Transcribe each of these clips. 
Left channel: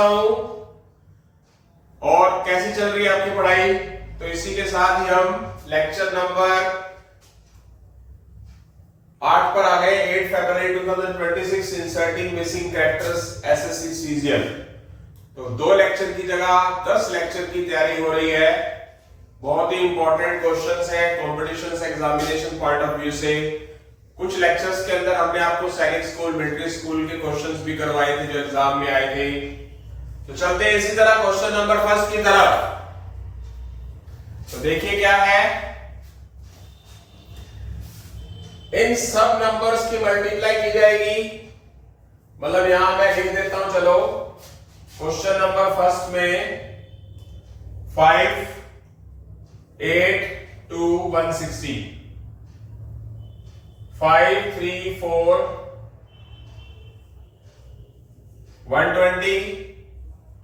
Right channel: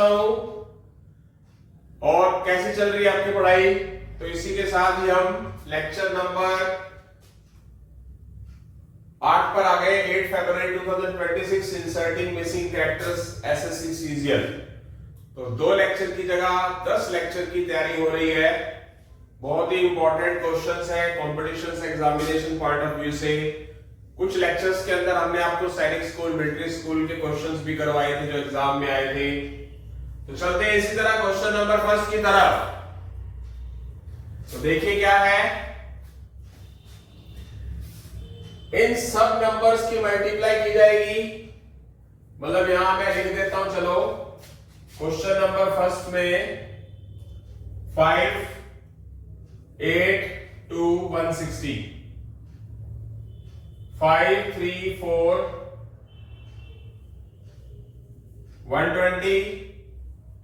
अच्छा हूं। और कैसी चल रही है आपकी पढ़ाई? तो इसी के साथ ही हम लेक्चर नंबर 8 पर आ गए। 8 फरवरी 2026 inserting missing characters SSC CGL. तो 2 लेक्चर की जगह 10 लेक्चर की तैयारी हो रही है। बहुत ही इंपॉर्टेंट क्वेश्चंस हैं competition examination point of view से। कुछ लेक्चर्स के अंदर हमने आपको सैनिक स्कूल, मिलिट्री स्कूल के क्वेश्चंस भी करवाए थे जो एग्जाम में आए थे। तो चलते हैं इसी तरह क्वेश्चन नंबर फर्स्ट की तरफ। तो देखिए क्या है, इन सब नंबर्स की मल्टीप्लाई की जाएगी। मतलब यहां मैं लिख देता हूं, चलो क्वेश्चन नंबर फर्स्ट में 5, 8 2 160, 5 3 4 120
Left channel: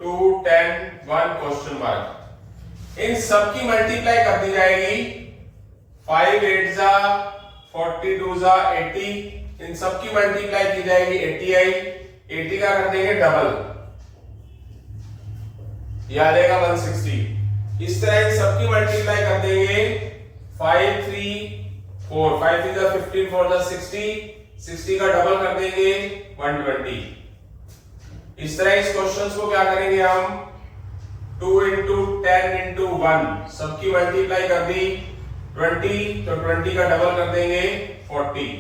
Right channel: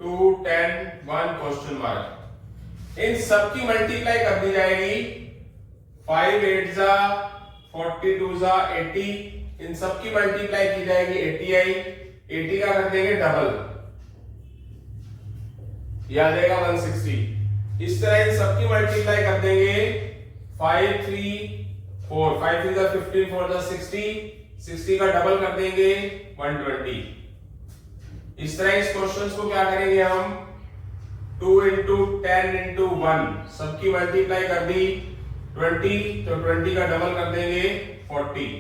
2 10 1 क्वेश्चन मार्क। इन सब की मल्टीप्लाई कर दी जाएगी। 5 8 जा 42 जा 80, इन सब की मल्टीप्लाई की जाएगी 80 का कर देंगे डबल, ये आ जाएगा 160। इस तरह इन सब की मल्टीप्लाई कर देंगे 5 3 4, 5 3 जा 15 4 जा 60 का डबल कर देंगे 120। इस तरह इस क्वेश्चन को क्या करेंगे हम, 2 into 10 into 1, सबकी मल्टीप्लाई कर दी 20, तो 20 का डबल कर देंगे 40।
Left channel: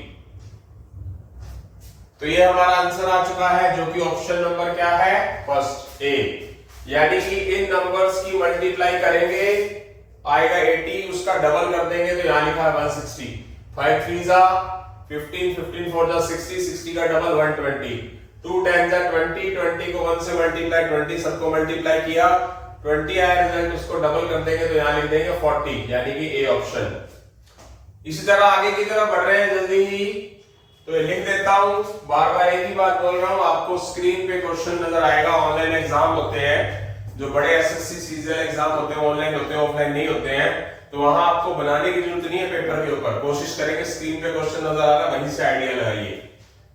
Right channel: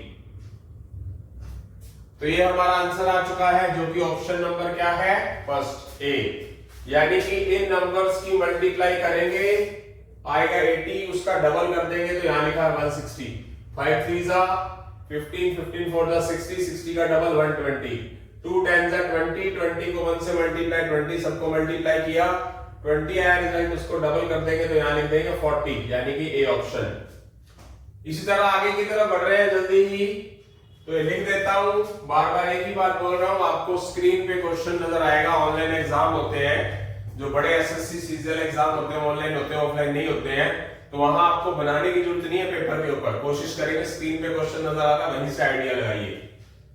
तो ये हमारा आंसर आ चुका है, जो कि ऑप्शन नंबर क्या है, फर्स्ट ए। यानी कि इन नंबर्स की मल्टीप्लाई करेंगे, आएगा 80, उसका डबल कर देंगे तो यहां लिखा है 160। 5 3 जा 15, 15 4 जा 60, 60 का डबल 120, 2 10 जा 20, 20 को 1 से मल्टीप्लाई, 20 सबको मल्टीप्लाई किया, 20 आया रिजल्ट, उसको डबल कर देंगे तो यहां लिख देंगे 40, यानी कि ए ऑप्शन। इसी तरह आगे की तरफ बढ़ रहे हैं जल्दी ही, तो ये लिख देता हूं। बार बार एक ही बात बोल रहा हूं, आपको स्क्रीन पे क्वेश्चन नजर आएगा। ऑनलाइन एग्जाम होते हैं, जो बड़े एसएससी सीजीएल एग्जाम होते हैं, ऑनलाइन होते हैं, ऑफलाइन नहीं होते हैं, तो वहां आपको बनाने की जरूरत नहीं है पेपर के ऊपर। कोशिश करेंगे स्क्रीन पे क्वेश्चन नजर आ रहा है वहीं से आइडिया लगाइए।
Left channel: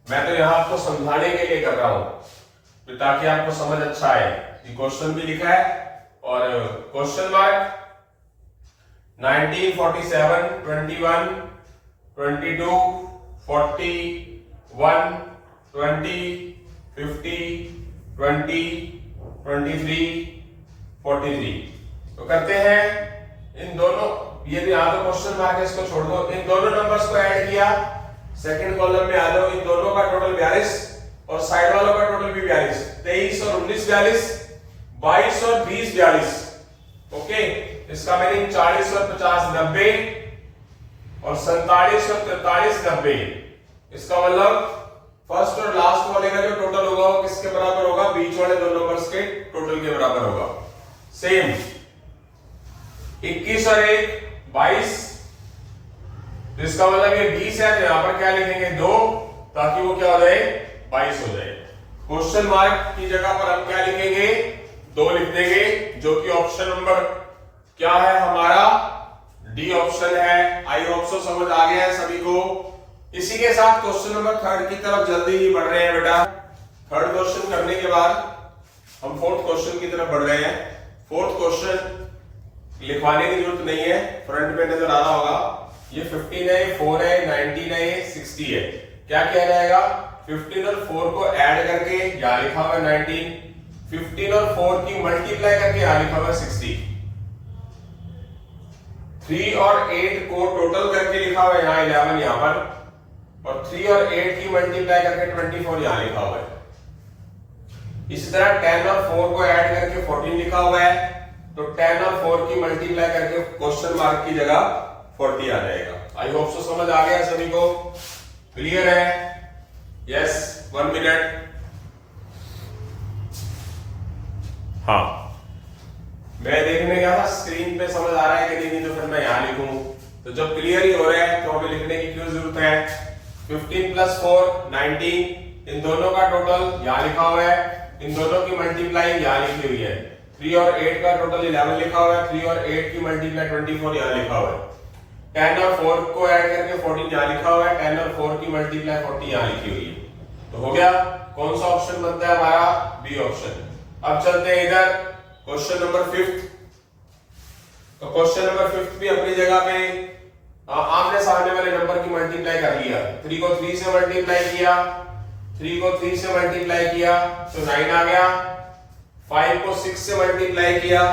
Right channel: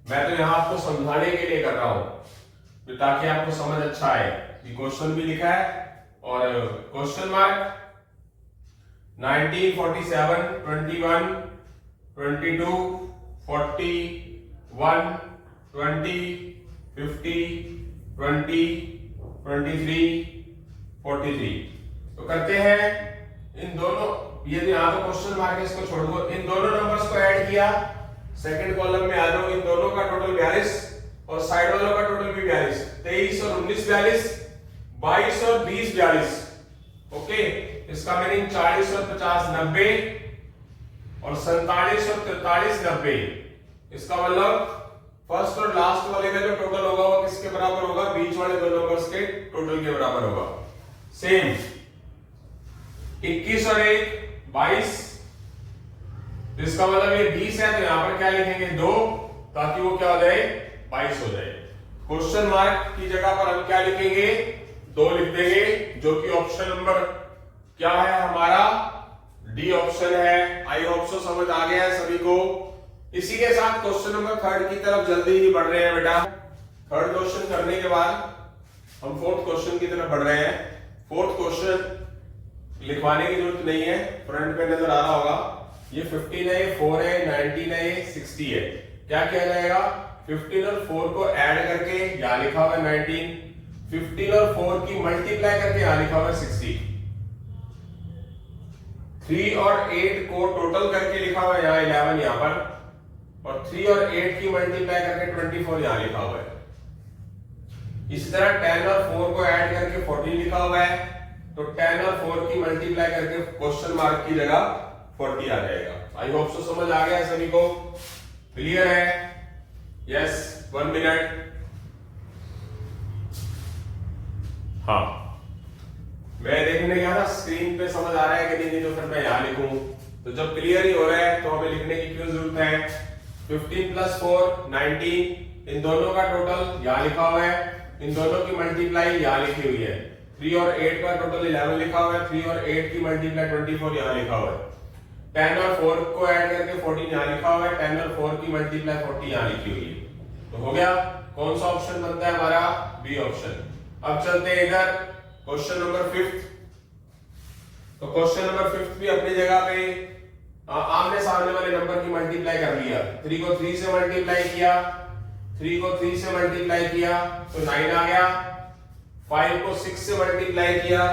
मैं तो यहाँ आपको समझाने के लिए कर रहा हूं ताकि आपको समझ अच्छा आए। ये क्वेश्चन भी लिखा है और क्वेश्चन मार्क 19 47 21 22 40 1 20 50 20 23 43। तो करते हैं इन दोनों, ये यहां तो क्वेश्चन मार्क है, इसको छोड़ दो। इन दोनों नंबर्स को ऐड किया, सेकंड कॉलम में आ जाओ। इन दोनों का टोटल 42 और साइड वालों का टोटल भी 42, 23 और 19 42, 22 और 20 42। ओके, इसका मीनिंग 40 और 50 90 और 47 और 43 90। इसका मतलब फर्स्ट और लास्ट वाले का जो टोटल होगा वो किसके बराबर होगा, बीच वाले दो नंबर्स के टोटल के बराबर होगा। सेम 21 और 1 22, इसका मतलब ये 20 है, तो यहां पर क्या लिखेंगे 2, ताकि वो क्या हो जाए 22 हो जाए। क्वेश्चन मार्क की जगह पर हम क्या लिखेंगे, 2 लिख देंगे, जो कि ऑप्शन नंबर क्या है हमारा, डी ऑप्शन है। आई होप सो समझ आ गया है सभी को। इसी के साथ क्वेश्चन नंबर 3 की तरफ जल्दी ही बढ़ रहे हैं बेटा। 3rd क्वेश्चन करने के बाद हम 4th क्वेश्चन की तरफ बढ़ रहे हैं। 4th क्वेश्चन लिखवाने की जरूरत नहीं है, फ्रंट पे नजर आ रहा होगा। ये 15 है, 4 है, 19 है, 60 है। क्या किया जाएगा, 15 और 4 को ऐड करके यहां लिखा हुआ है 19, 15 और 4 की मल्टीप्लाई करके यहां लिखा हुआ है 60, 3 और 8 को टोटल करके लिखा हुआ है यहां 11 यहां पर, और 3 और 8 की मल्टीप्लाई करके 24 यहां लिखा हुआ है। इसी तरह 10 और 4 को ऐड करके 14 लिखा हुआ है, तो 10 और 4 की मल्टीप्लाई करके क्वेश्चन मार्क की जगह 40 आ जाएगा। आई होप सो समझ आ गया सभी को, क्लियर है? Yes, 1 minute. हाँ, मैं देखने गया था स्क्रीन पे समझ आ रहा है कि नहीं, तो फिर मैं यहां लिखूं। तो जब क्लियर ही हो रहा है तो हमें लिखने की क्यों जरूरत है। 15 + 4 19, इन दोनों का टोटल यहां लिखा हुआ है, इन दोनों की मल्टीप्लाई यहां लिखी हुई है। 3 और 8 का टोटल 11 लिखा हुआ है, 3 और 8 की मल्टीप्लाई 24 यहां लिखा हुआ है। 10 और 4 को ऐड करके 14 यहां लिखा हुआ है, 10 और 4 की मल्टीप्लाई 40 यहां लिखी हुई है। तो हो गया, कौन सा ऑप्शन बनता है हमारा, बी ऑप्शन। अब चलते हैं इधर क्वेश्चन नंबर 5। तो क्वेश्चन नंबर 5 भी अपनी जगह पे आमने सामने वाले नंबर की मल्टीप्लाई कर लिया। 3 को 3 से मल्टीप्लाई किया, 3 को 3 से मल्टीप्लाई किया तो 9 आ गया। 5 को 6 से मल्टीप्लाई किया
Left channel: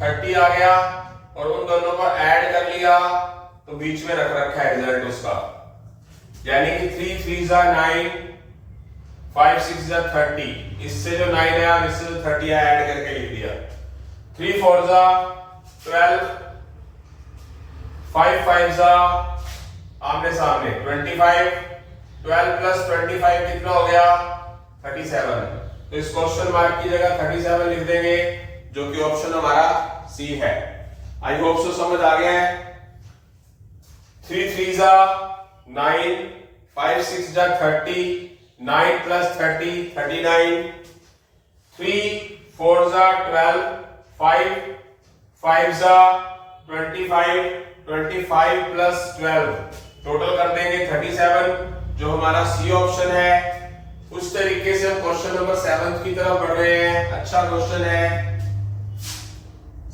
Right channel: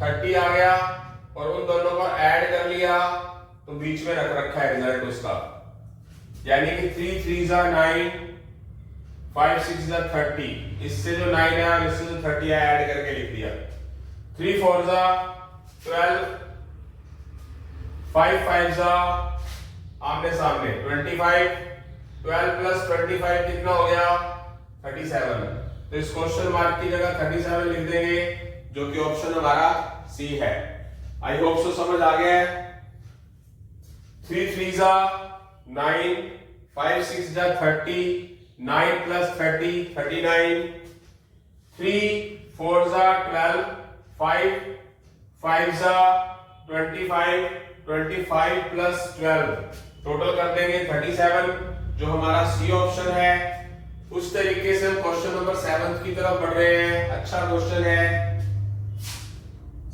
30 आ गया, और उन दोनों को ऐड कर लिया तो बीच में रख रखा है रिजल्ट उसका, यानी कि 3 3 जा 9, 5 6 जा 30। इससे जो 9 आया इससे जो 30 आया ऐड करके लिख दिया। 3 4 जा 12, 5 5 जा आमने सामने 25, 12 प्लस 25 कितना हो गया 37। तो इस क्वेश्चन मार्क की जगह 37 लिख देंगे, जो कि ऑप्शन हमारा सी है। आई होप सो समझ आ गया है। 3 3 जा 9, 5 6 जा 30, 9 प्लस 30 39, 3 4 जा 12, 5 5 जा 25, 25 प्लस 12 टोटल कर देंगे 37, जो हमारा सी ऑप्शन है। उस तरीके से हम क्वेश्चन नंबर 7 की तरफ बढ़ रहे हैं। अच्छा क्वेश्चन है।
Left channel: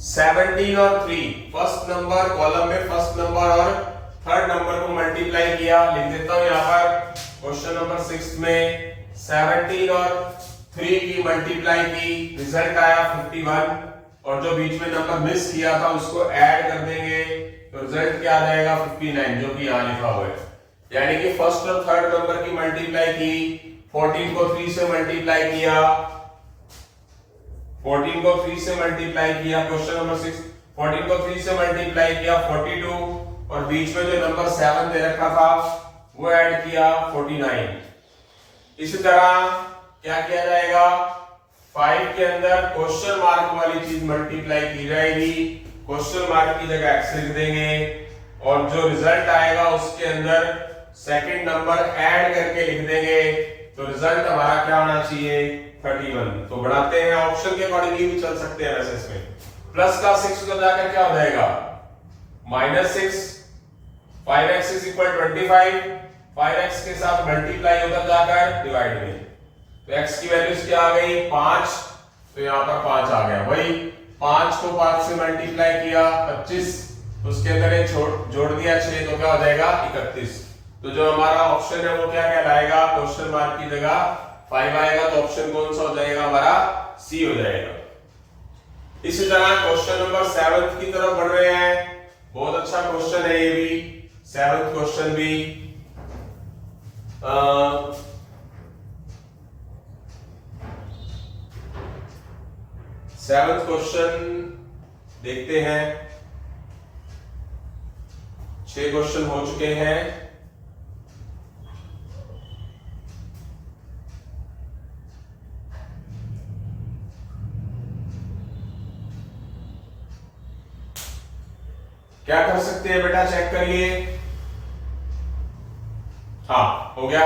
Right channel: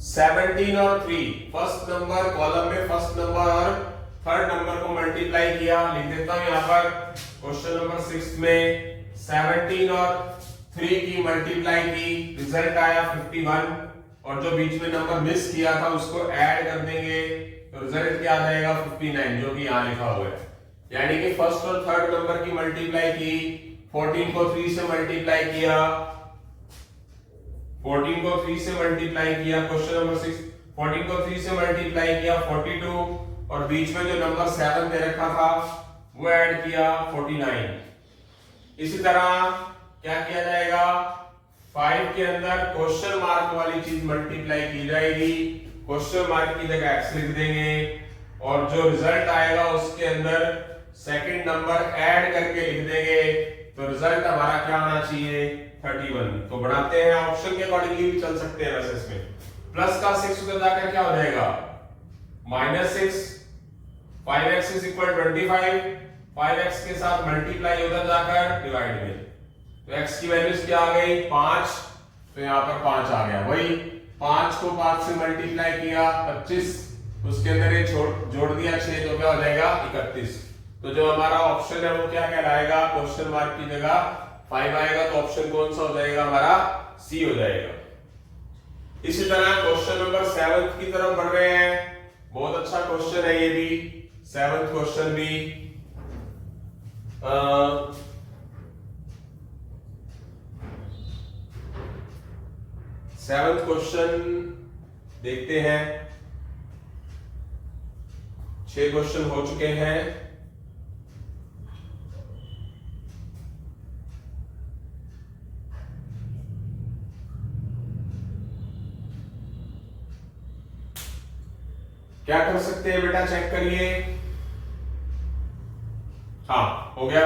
17 और 3, फर्स्ट नंबर कॉलम में फर्स्ट नंबर और थर्ड नंबर को मल्टीप्लाई किया। लिख देता हूं यहां पर क्वेश्चन नंबर 6 में 17 और 3 की मल्टीप्लाई की, रिजल्ट आया 51, और जो बीच में नंबर मिस किया था उसको ऐड कर देंगे तो रिजल्ट क्या आ जाएगा 59, जो कि यहां लिखा हुआ है। यानी कि फर्स्ट और थर्ड नंबर की मल्टीप्लाई की, 14 को 3 से मल्टीप्लाई किया, 14 को 3 से मल्टीप्लाई किया क्वेश्चन नंबर 6, 14 को 3 से मल्टीप्लाई किया 42, और बीच में जो नंबर 7 दे रखा था वो ऐड किया 49। इसी तरह क्या किया जाएगा, 5 के अंदर क्वेश्चन मार्क वाली चीज मल्टीप्लाई की जाएगी, क्वेश्चन मार्क की जगह एक्स लिख देंगे, और जो रिजल्ट आएगा उसके अंदर सेकंड नंबर ऐड करके लिख देंगे, तो रिजल्ट हमारा क्या आना चाहिए 31। तो बढ़ाते हैं, ऑप्शन के अकॉर्डिंगली भी चल सकते हैं वैसे इसमें। प्लस का 6 उधर जाकर क्या हो जाएगा -6, 5x इज इक्वल 25, 5x के साथ मल्टीप्लाई उधर जाकर डिवाइड में, तो x की वैल्यूज क्या आ गई 5, तो यहां पर 5 आ गया। वही 5 को 5 से मल्टीप्लाई किया 25, उसके अंदर ये जोड़ दिया 6, तो क्या हो जाएगा 31। तो जो हमारा ऑप्शन है वो क्या कहलाएगा, क्वेश्चन मार्क की जगह 5 आएगा, तो ऑप्शन कौन सा हो जाएगा हमारा सी हो जाएगा। इसी तरह क्वेश्चन नंबर 7 की तरफ बढ़ रहे हैं। बहुत अच्छा क्वेश्चन है ये भी, 7th क्वेश्चन भी। 7th क्वेश्चन देखते हैं। 6 क्वेश्चन हो चुके हैं। क्या कर सकते हैं बेटा, चेक करिए। हाँ हो गया।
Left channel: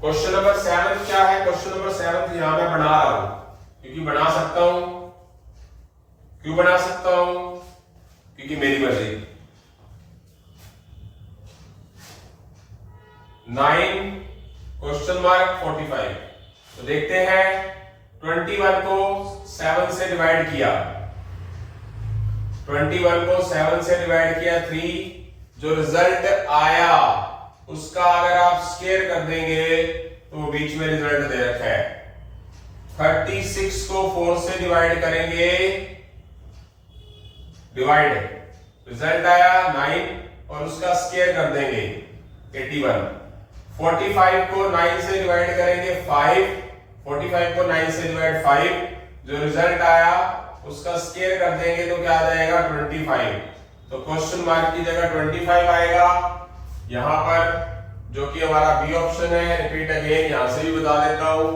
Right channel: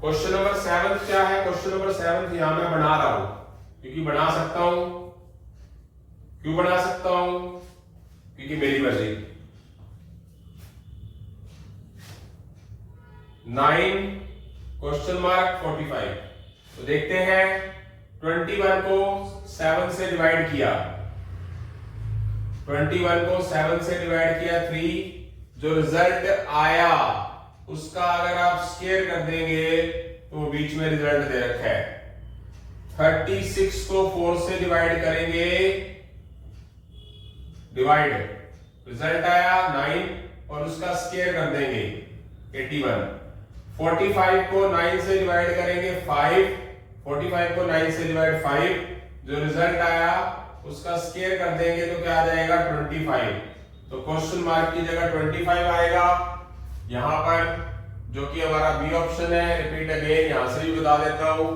क्वेश्चन नंबर 7 क्या है, क्वेश्चन नंबर 7 यहां मैं बना रहा हूं क्योंकि बना सकता हूं। क्यों बना सकता हूं, क्योंकि मेरी मर्जी। 9 क्वेश्चन मार्क 45। तो देखते हैं 21 को 7 से डिवाइड किया, 21 को 7 से डिवाइड किया 3, जो रिजल्ट आया उसका अगर आप स्क्वायर कर देंगे तो बीच में रिजल्ट दे रखा है। 36 को 4 से डिवाइड करेंगे, डिवाइड, रिजल्ट आया 9, और उसका स्क्वायर कर देंगे 81। 45 को 9 से डिवाइड करेंगे 5, 45 को 9 से डिवाइड 5, जो रिजल्ट आया उसका स्क्वायर कर देंगे तो क्या आ जाएगा 25। तो क्वेश्चन मार्क की जगह 25 आएगा यहां पर, जो कि हमारा बी ऑप्शन है। रिपीट अगेन, यहां से भी बता देता हूं।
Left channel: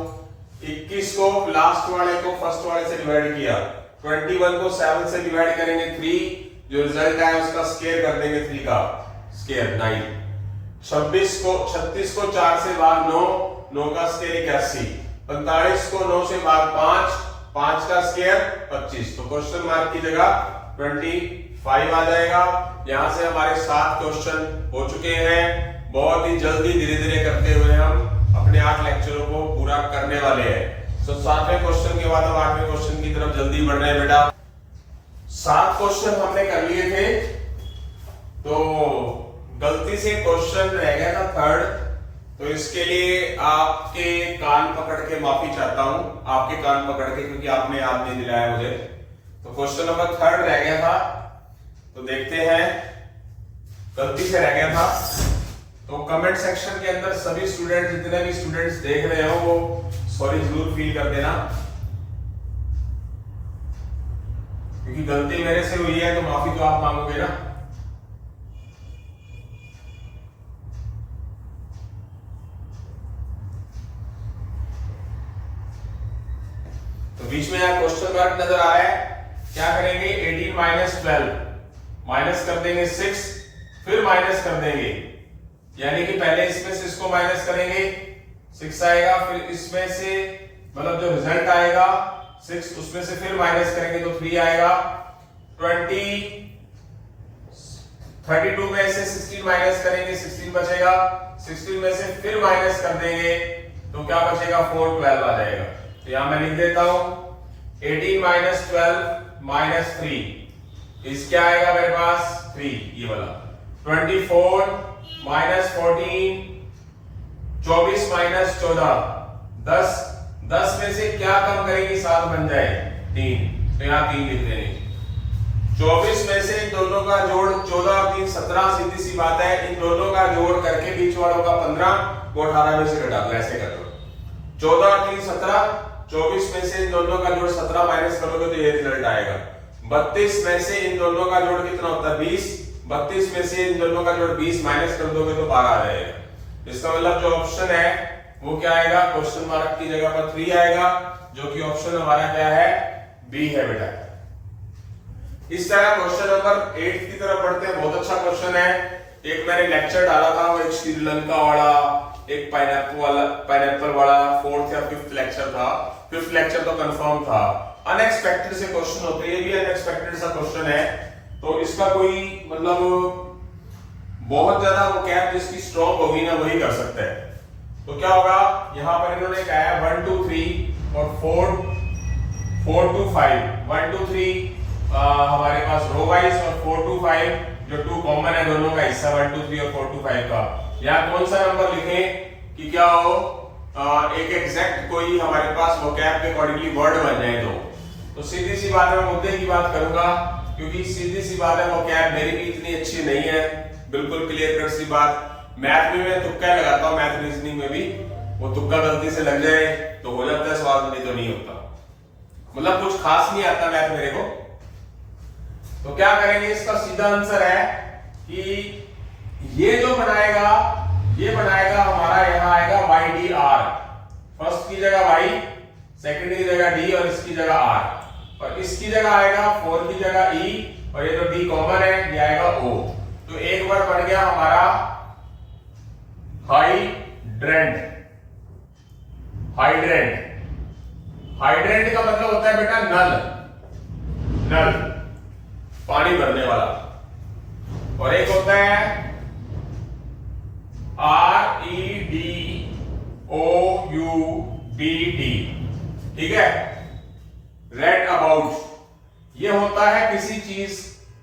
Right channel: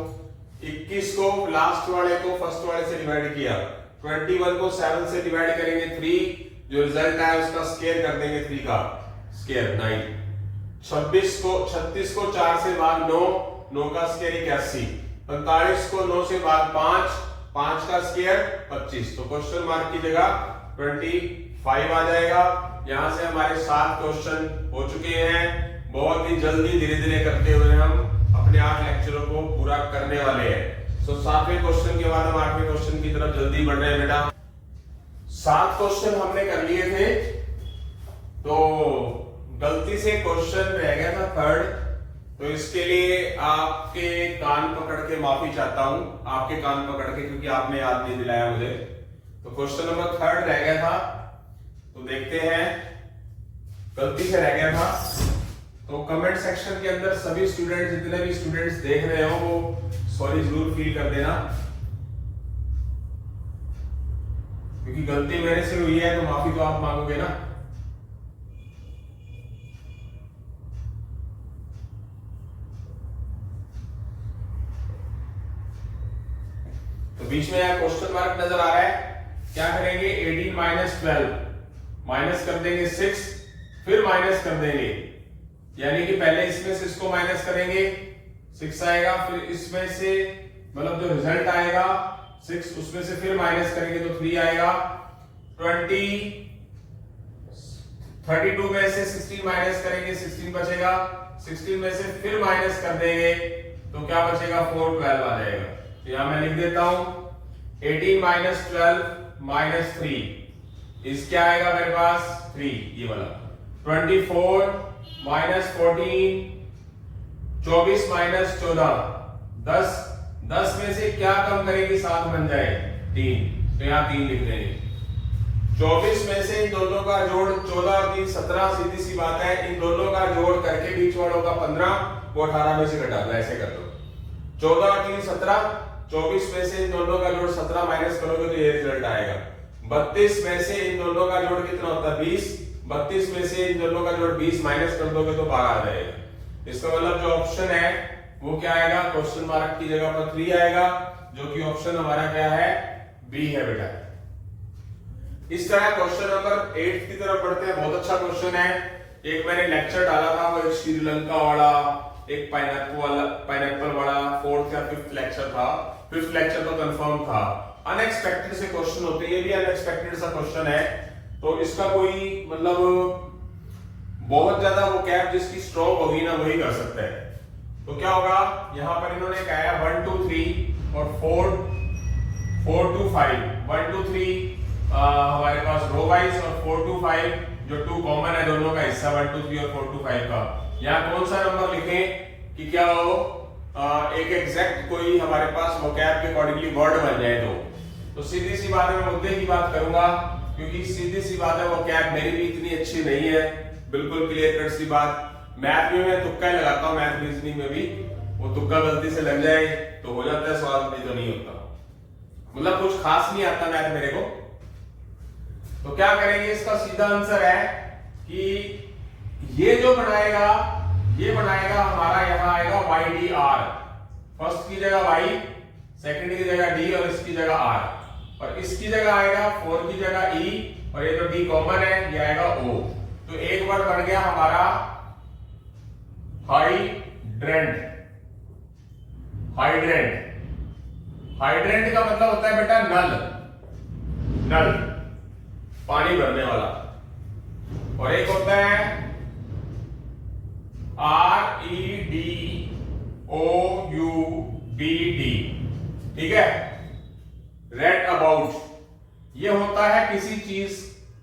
21 को लास्ट वाले को फर्स्ट वाले से डिवाइड किया, 21 को 7 से डिवाइड करेंगे 3, जो रिजल्ट आया उसका स्क्वायर कर देंगे 3 का स्क्वायर 9। 36 को 4 से भाग 9, 9 का स्क्वायर 81। 45 को 9 से भाग 5, 5 का स्क्वायर 25। तो क्वेश्चन मार्क की जगह 25 आ जाएगा। यहां से हमारे 7 क्वेश्चन हो चुके हैं। बहुत ही जल्दी धीरे धीरे करते हुए हम अपने 8 लेक्चरों को पूरा करने वाले हैं। 7वें क्वेश्चन के बाद हम 8वें क्वेश्चन की तरफ जल्दी बढ़ रहे हैं बेटा। 7 क्वेश्चन हमने कर लिए थे, तो गलती से क्वेश्चन रह गया था 3rd, तो इसके लिए आपके कान पकड़ के माफी चाहता हूं, आपके कान पकड़ के, क्योंकि आपने याद नहीं दिलाया मुझे। तो क्वेश्चन नंबर 3rd रह गया था, तो देखते हैं, गलती से रह गया था। तो कमेंट सेक्शन के अंदर सभी स्टूडेंट, जितने भी स्टूडेंट्स देख रहे हो, वो सॉरी जरूर फील कर देना, क्योंकि गलती मेरे से हुई है, तो माफी तो आप मांगोगे ना। तो बीच में यहाँ क्वेश्चन मार्क नजर आ रहा है, क्या करेंगे, 18 माइनस 12, माइनस कर देंगे 6, फिर माइनस कर देंगे, यानी कि पहले इसमें से इसको माइनस करेंगे, 6 आएगा, फिर इसमें से मतलब जो रिजल्ट आएगा 6, उसमें से फिर माइनस करेंगे तो 3 आएगा। 32 में से 16 माइनस करेंगे, 16 बचेगा, 16 में से फिर माइनस कर देंगे तो क्या बचेगा, 4, 12 आ जाएगा। तो यहां मैं लिख देता हूं 18 माइनस 12 माइनस 3 इस क्या आएगा मेरे पास 3, ये वाला। 24 माइनस 14, 24 माइनस 14, 10 में से क्या कम करेंगे, 7 बन जाए 3, तो यहां 3 लिख देंगे। 24 में से इन दोनों का जोड़ 14 और 3 17, सीधी सी बात है, इन दोनों का जोड़ करके बीच वालों का 15 वो 18 में से घटा दो, ऐसे कर लो। 14 और 3 17, 24 में से इन दोनों का जोड़ 17 माइनस करोगे तो ये रिजल्ट आएगा। 32 में से इन दोनों का जोड़ कितना होता है, 20, 32 में से इन दोनों का जोड़ 20 माइनस कर दोगे तो 12 आ जाएगा। इसका मतलब जो ऑप्शन है वो क्या आएगा, क्वेश्चन मार्क की जगह पर 3 आएगा, जो कि ऑप्शन हमारा क्या है, बी है बेटा। इस तरह क्वेश्चन नंबर 8 की तरफ बढ़ते हैं। बहुत अच्छा क्वेश्चन है, एक मैंने लेक्चर डाला था, वो एक श्रीलंका वाला, एक पाइनएप्पल वाला 4th या 5th लेक्चर था। 5th लेक्चर तो कंफर्म था। अनएक्सपेक्टेड से क्वेश्चन होते हैं, ये भी अनएक्सपेक्टेड सा क्वेश्चन है, तो इसका कोई मतलब बहुत ज्यादा वो कैप जिसकी स्ट्रॉन्ग होगी ना वही कर सकता है। तो क्या होगा, यहां पर इन्होंने कहा है 1 2 3 और 4 2 5, 1 2 3 हमारे पास रो वाइज, और 4 2 5 जो 2 कॉमन है दोनों का हिस्सा 1 2 3 और 4 2 5 का। यहाँ कौन सा नंबर लिखें कि क्या हो, एक एग्जैक्ट कोई हमारे पास वोकैब के अकॉर्डिंगली वर्ड बन जाए। तो सीधी सी बात है, मैं मुद्दे की बात करूंगा, क्योंकि सीधी सी बात है वोकैब मेरी भी इतनी अच्छी नहीं है, बिल्कुल क्लियर कट सी बात। मैथ में मैं तुक्का ही लगाता हूँ, मैथ रीजनिंग में भी वो तुक्का गलती से लग जाए तो हो जाता है सवाल, नहीं तो नहीं होता, मतलब कुछ खास नहीं आता मैथ मेरे को। तो क्या करेंगे, इसका सीधा आंसर है कि ये जो बनाएगा, ये बनाएगा हमारा, यहां आएगा YDR, फर्स्ट की जगह Y, सेकंड की जगह D और इसकी जगह R, और इसकी जगह आएगा 4 की जगह E, और ये जो D कॉमन है ये आएगा O। तो एक वर्ड बन गया हमारा हाइड्रेंट। हाइड्रेंट, हाइड्रेंट का मतलब होता है बेटा नल, नल पानी भरने वाला, और एक होता है REDOUBT, ठीक है, रेड अबाउट, ये होता है किसी चीज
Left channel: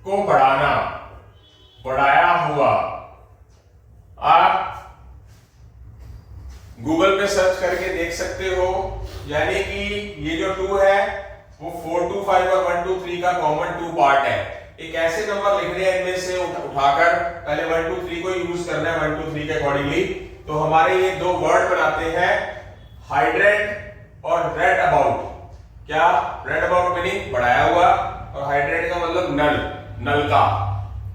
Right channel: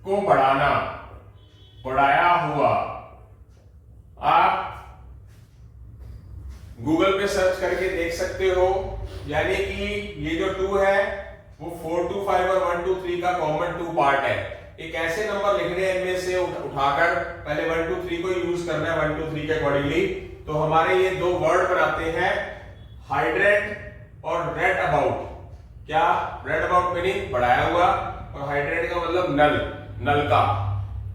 को बढ़ाना, बढ़ाया हुआ। आप गूगल पे सर्च करके देख सकते हो, यानी कि ये जो 2 है वो 4 2 5 और 1 2 3 का कॉमन 2 पार्ट है। एक ऐसे नंबर लिखने हैं इनमें से उठाकर, पहले 1 2 3 को यूज करना है 1 2 3 के अकॉर्डिंगली। तो हमारे ये 2 वर्ड बनाते हैं हाइड्रेंट और रेड अबाउट। क्या, रेड अबाउट मीनिंग बढ़ाया हुआ, और हाइड्रेंट का मतलब नल, नल का।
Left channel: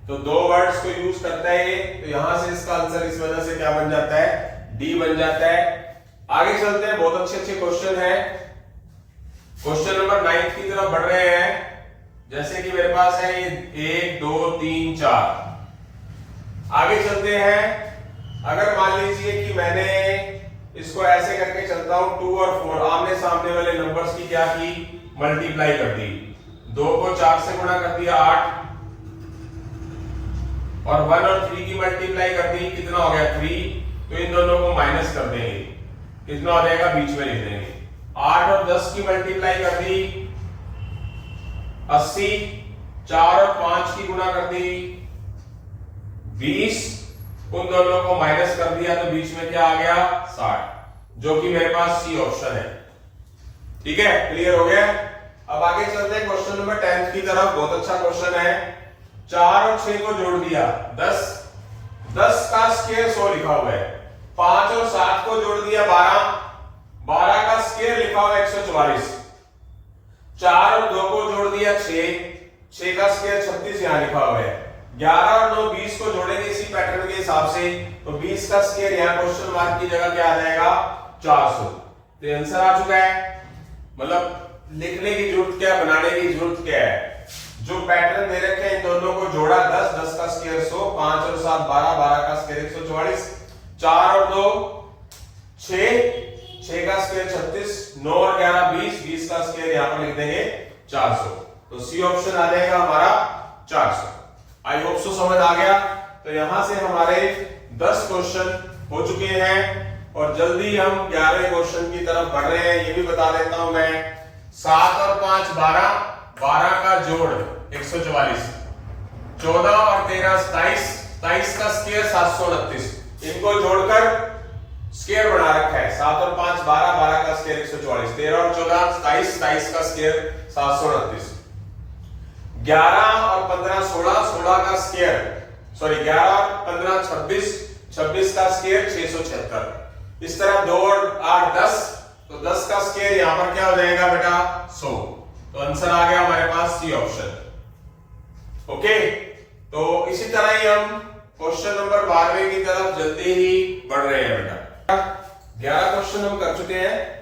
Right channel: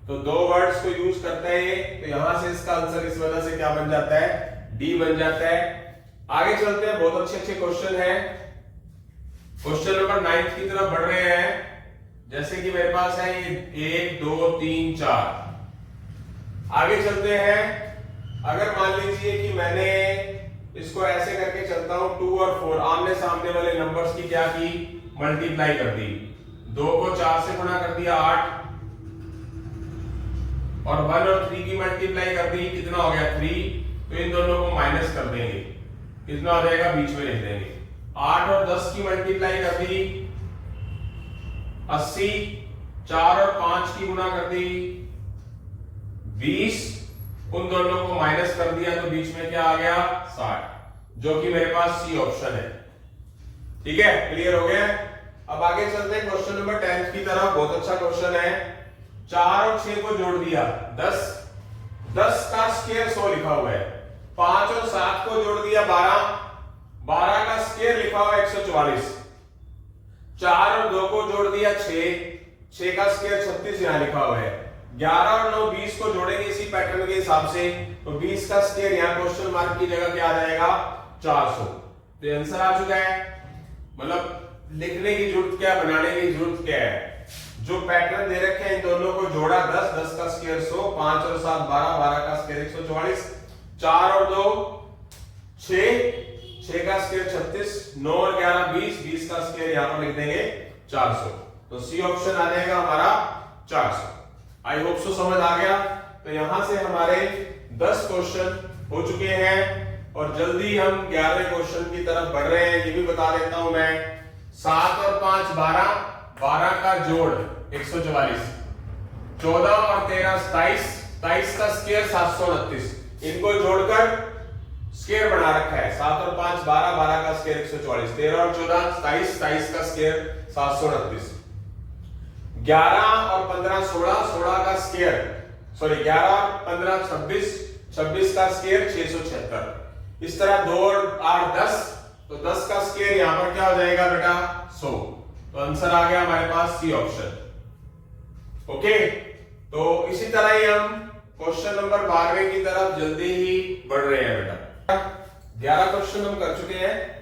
तो 2 वर्ड्स को यूज करता है ये, तो यहां से इसका आंसर इस वजह से क्या बन जाता है, डी बन जाता है। आगे चलते हैं, बहुत अच्छे अच्छे क्वेश्चन है। क्वेश्चन नंबर 9 की तरफ बढ़ रहे हैं। जैसे कि मेरे पास है ये 1 2 3 4। आगे चलते हैं। अगर मान लीजिए कि मैंने इसको ऐसे करके चलता हूं, 2 और 4 आमने सामने वाले नंबर्स की क्या की, मल्टीप्लाई कर दी। 2 को 4 से गुणा कर दिया 8, और 1 और 3 की मल्टीप्लाई कर दी, कितना हो गया 3। तो इन दोनों को माइनस कर देंगे, कितना हो जाएगा, बीच में लिख देंगे। 8 और 10 की मल्टीप्लाई कर दी 80, 4 और 5 की गुणा कर दी 20, उन दोनों को माइनस कर दिया तो बीच में क्या आ गया 60, जो कि मेरे पास सी ऑप्शन है। ठीक है, क्लियर हो गया। अब आगे चलते हैं क्वेश्चन नंबर 10 की तरफ। बहुत अच्छा क्वेश्चन है। 4 और 6 को जोड़ दिया 10, 10 का स्क्वायर 100 लिखा हुआ है। 5 और 7 को जोड़ दिया 12, 12 का स्क्वायर लिखा हुआ है 144। 4 और 2 को जोड़ दिया 6, 6 का स्क्वायर 36 यहां लिखा हुआ है। 11 और 9 20 को जोड़ेंगे इसी पैटर्न के हिसाब से, तो 20 का स्क्वायर यहां क्वेश्चन मार्क की जगह क्या आ जाएगा 400। तो आंसर आ चुका है। मतलब लिखने की जरूरत क्या, बनाने की जरूरत क्या है। जो पैटर्न दे रखे हैं इन दोनों को जोड़ा 10, 10 का स्क्वायर 100, 5 और 7 12, 12 का स्क्वायर 144, 4 और 2 6, 6 का स्क्वायर 36, 9 और 11 20, 20 का स्क्वायर यहां पर लिख देंगे 400। तो सी ऑप्शन आ जाएगा हमारा 400। आई होप सो समझ आ गया। तो यहां से हमारे 10 क्वेश्चन हो चुके हैं और जल्दी हम 11वें क्वेश्चन की तरफ बढ़ रहे हैं। ये भी बता देता हूं मैं, 7 और 5 12, 12 का जोड़ 144, 14 और 13 27, 27 का स्क्वायर 729, इनको जोड़कर स्क्वायर बना रखा है। 7 और 5 12, 12 का स्क्वायर 144, 13 और 14 27, 27 का स्क्वायर 729, 11 और 15 16, 16 का स्क्वायर 11 और 15 26, 26 का स्क्वायर 676। इस तरह 2 और 8 10, तो 10 का स्क्वायर यहां पर क्या हो जाएगा बेटा 100। तो आंसर आ गया हमारे पास सी ऑप्शन। ओके, तो इसी तरह ही हम क्वेश्चन नंबर 12वें की तरफ जल्दी ही बढ़ रहे हैं बेटा। 11 क्वेश्चन हम कर चुके हैं।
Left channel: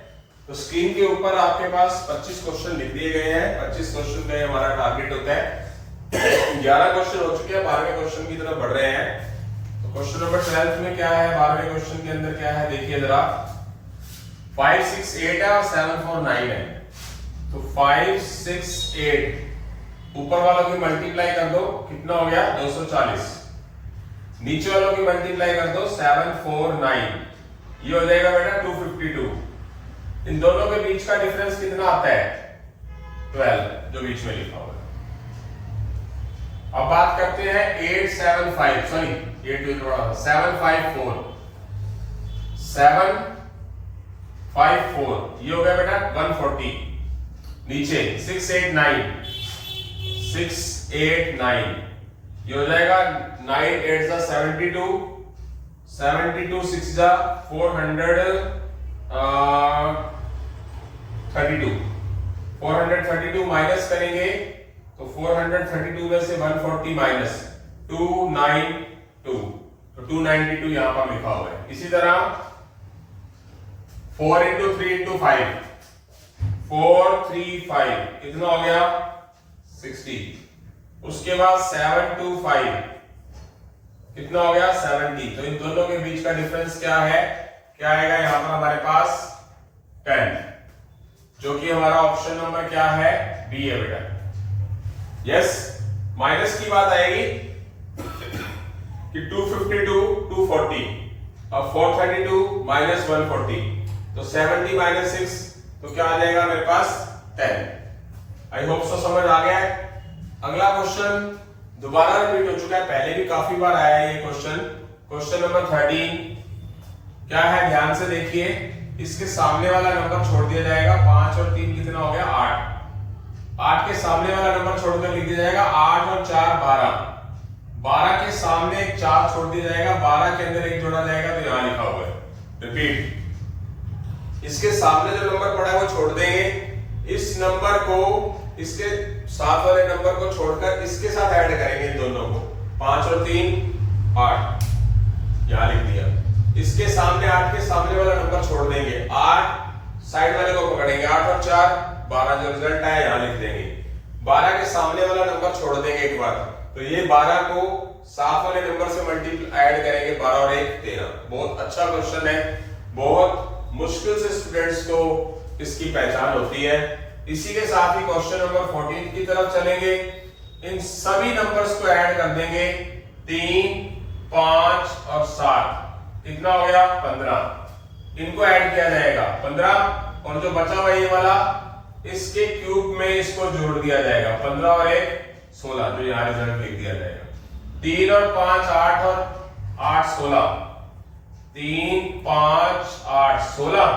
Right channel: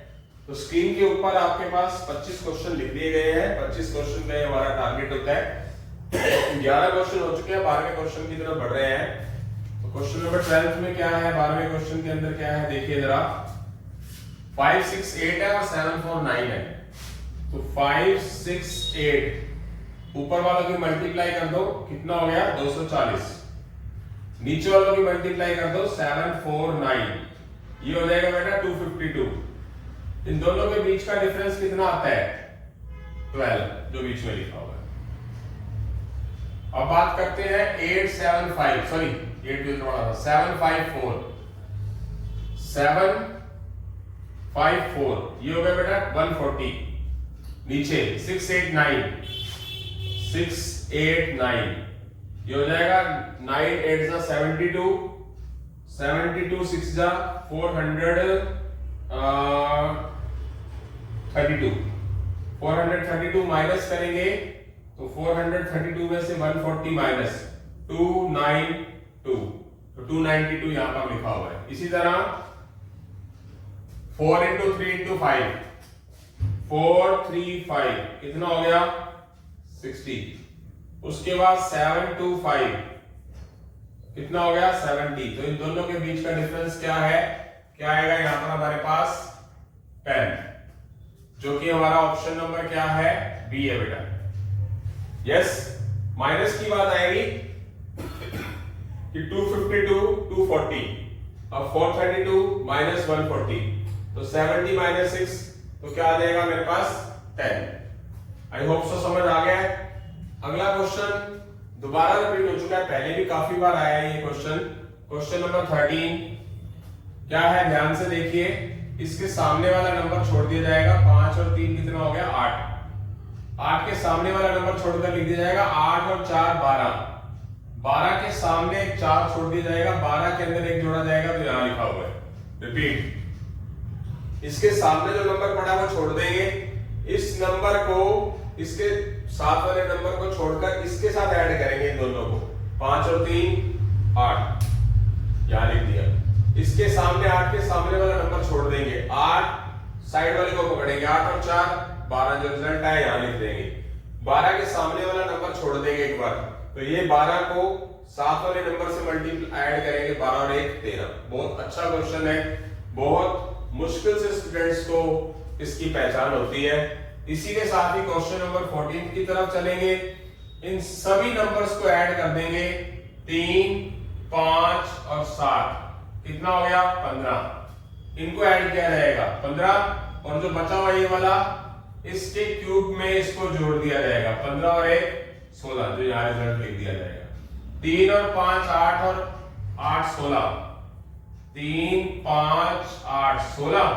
तो स्क्रीन के ऊपर आपके पास 25 क्वेश्चन लिख दिए गए हैं। 25 क्वेश्चन का हमारा टारगेट होता है। 11 क्वेश्चन हो चुके हैं, 12वें क्वेश्चन की तरफ बढ़ रहे हैं। तो क्वेश्चन नंबर 12 में क्या है, 12वें क्वेश्चन के अंदर क्या है देखिए जरा। 5 6 8 है और 7 4 9 है। तो 5 6 8 ऊपर वालों की मल्टीप्लाई कर दो, कितना हो गया 240। नीचे वालों की मल्टीप्लाई कर दो 7 4 9, ये हो जाएगा बेटा 252। इन दोनों के बीच का डिफरेंस कितना आता है 12, जो बीच में लिखा हुआ है। अब बात करते हैं 8 7 5, सॉरी 8 7 5 4, 7 5 4, ये हो गया बेटा 140। नीचे 6 8 9, 6 8 9, ये हो जाएगा 9 8 जा 72, 72 6 जा 432 माइनस करेंगे तो 432 में से 140 माइनस 292, तो 292 यहां पर लिखा हुआ है। इसी तरह 4 इंटू 3 इंटू 5, 4 3 5, कितना हो गया 60। उसके बाद 7 2 5, कितना हो गया 70। तो इन दोनों के बीच का डिफरेंस क्या है, क्या आएगा यहां पर हमारे पास 10, जो कि हमारा ऑप्शन नंबर क्या है बी है बेटा। यस, माइनस की बात आएगी कि 252 240, अब 432 माइनस 140, तो 70 माइनस 6, तो क्या आ जाएगा मेरे पास 10। आई होप सो समझ आ गया है। अगला क्वेश्चन दोबारा रिपीट हो चुका है, पहले भी काफी बार आया है ये क्वेश्चन। क्वेश्चन नंबर 13 क्या है, ध्यान से देखिए। इसके सामने वाला नंबर छोड़ दिया जाएगा, 5 और 3 कितना हो गया 8, 8 के सामने वाला नंबर छोड़कर लिख दिया जाएगा 8 और 4 12, 12 के सामने एक 4 छोड़ दिया जाएगा, 12 के अंदर एक जोड़ा जाएगा, तो यहां लिखा हुआ है रिपीट। इसके सामने जो नंबर पड़ा है वो छोड़ देंगे, इस नंबर को इसके साथ वाले नंबर को छोड़कर इसके साथ ऐड करेंगे इन दोनों को, 5 और 3 8, यहां लिख दिया। इसके सामने 8 के सामने वाला नंबर छोड़ देंगे, 8 साइड वाले को पकड़ेंगे, 8 और 4 12, जो रिजल्ट आया यहां लिख देंगे। 12 के सामने वाला नंबर छोड़ देंगे एक बार, तो ये 12 को साथ वाले नंबर से मल्टीप्लाई ऐड करेंगे, 12 और 1 13। बहुत अच्छा क्वेश्चन है, बहुत मुश्किल से स्टूडेंट्स को इसकी पहचान होती है। इसी के साथ ही क्वेश्चन नंबर 14 की तरफ चलेंगे। इन सभी नंबर्स को ऐड कर देंगे, 3 5 और 7, कितना हो गया 15। इनको ऐड किया जाएगा, 15 और जो बचा हुआ ये वाला इसके क्यूब में इसको जोड़ दिया जाएगा। 15 और 1 16, जो यहाँ रिजल्ट लिख दिया जाएगा। 3 और 5 8 और 8 16, 3 5 8 16,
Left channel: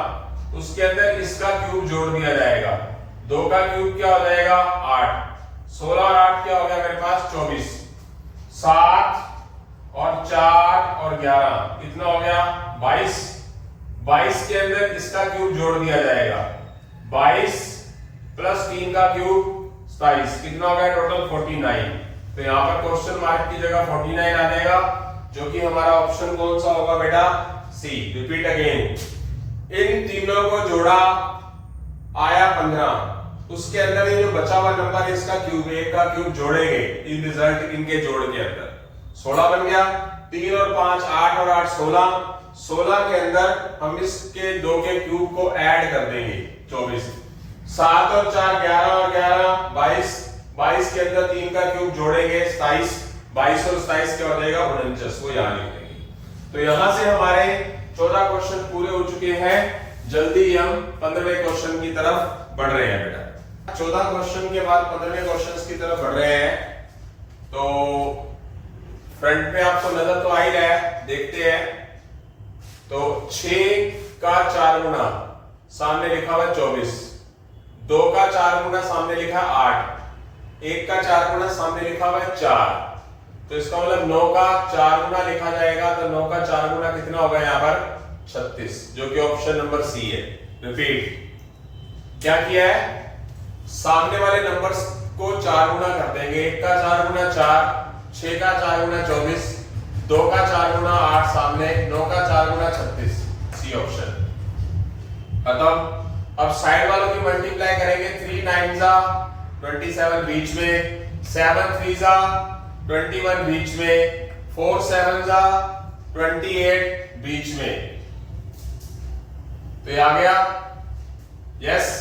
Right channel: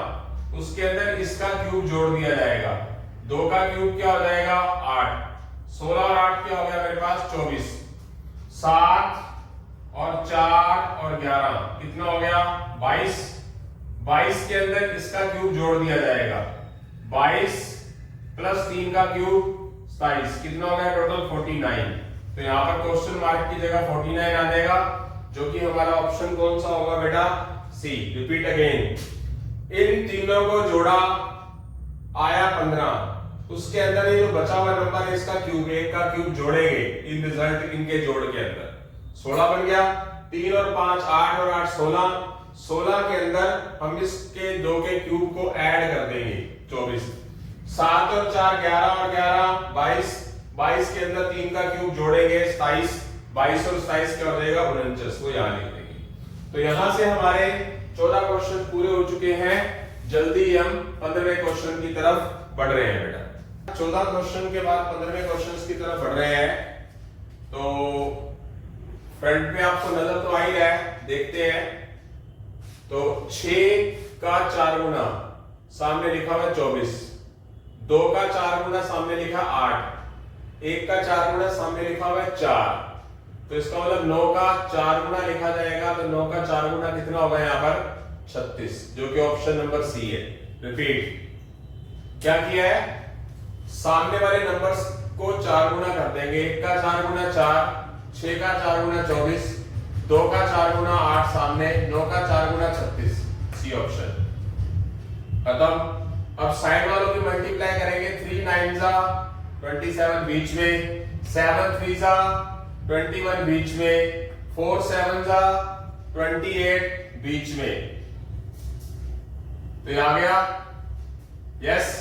उसके अंदर इसका क्यूब जोड़ दिया जाएगा। 2 का क्यूब क्या हो जाएगा 8, 16 और 8 क्या हो गया मेरे पास 24, 7 और 4 और 11 कितना हो गया 22। 22 के अंदर इसका क्यूब जोड़ दिया जाएगा। 22 प्लस 3 का क्यूब 27, कितना हो गया टोटल 49। तो यहाँ पर क्वेश्चन मार्क की जगह 49 आ जाएगा, जो कि हमारा ऑप्शन कौन सा होगा बेटा सी। रिपीट अगेन, इन तीनों को जोड़ा आया 15, उसके अंदर ये जो बचा हुआ नंबर है इसका क्यूब, एक का क्यूब जोड़ेंगे इन रिजल्ट इनके जोड़ के अंदर 16 बन गया। 3 और 5 8 और 8 16, 16 के अंदर हम इसके 2 के क्यूब को ऐड कर देंगे 24। 7 और 4 11 और 11 22, 22 के अंदर 3 का क्यूब जोड़ेंगे 27, 22 और 27 क्या हो जाएगा 49, वो यहाँ लिख देंगे। तो यहां से हमारे 14 क्वेश्चन पूरे हो चुके हैं। जल्दी हम 15वें क्वेश्चन की तरफ बढ़ रहे हैं बेटा। 14 क्वेश्चन के बाद 15वें क्वेश्चन की तरफ बढ़ रहे हैं। तो फ्रंट में आपको नजर तो आ ही रहा है, देखते हैं। तो 6 का 4 गुना सामने लिखा हुआ 24, 2 का 4 गुना सामने लिखा 8, 1 का 4 गुना सामने लिखा हुआ 4। तो इसका मतलब 9 का 4 गुना लिखा जाएगा। तो 9 का 4 गुना कितना होगा यहाँ पर 36, जो कि ऑप्शन नंबर सी है। रिपीट, क्या किया है, सामने वाले नंबर्स को 4 गुना कर देंगे। 1 का 4 गुना 4, 6 का 4 गुना 24, 2 का 4 गुना 8 सामने, 9 का 4 गुना 36, सी ऑप्शन खत्म। अब साइड वालों की मल्टीप्लाई करेंगे। 3 9 जा 27 बीच में, 7 3 जा 21 बीच में, 4 7 जा 28 बीच में। तो ये आ गया, यस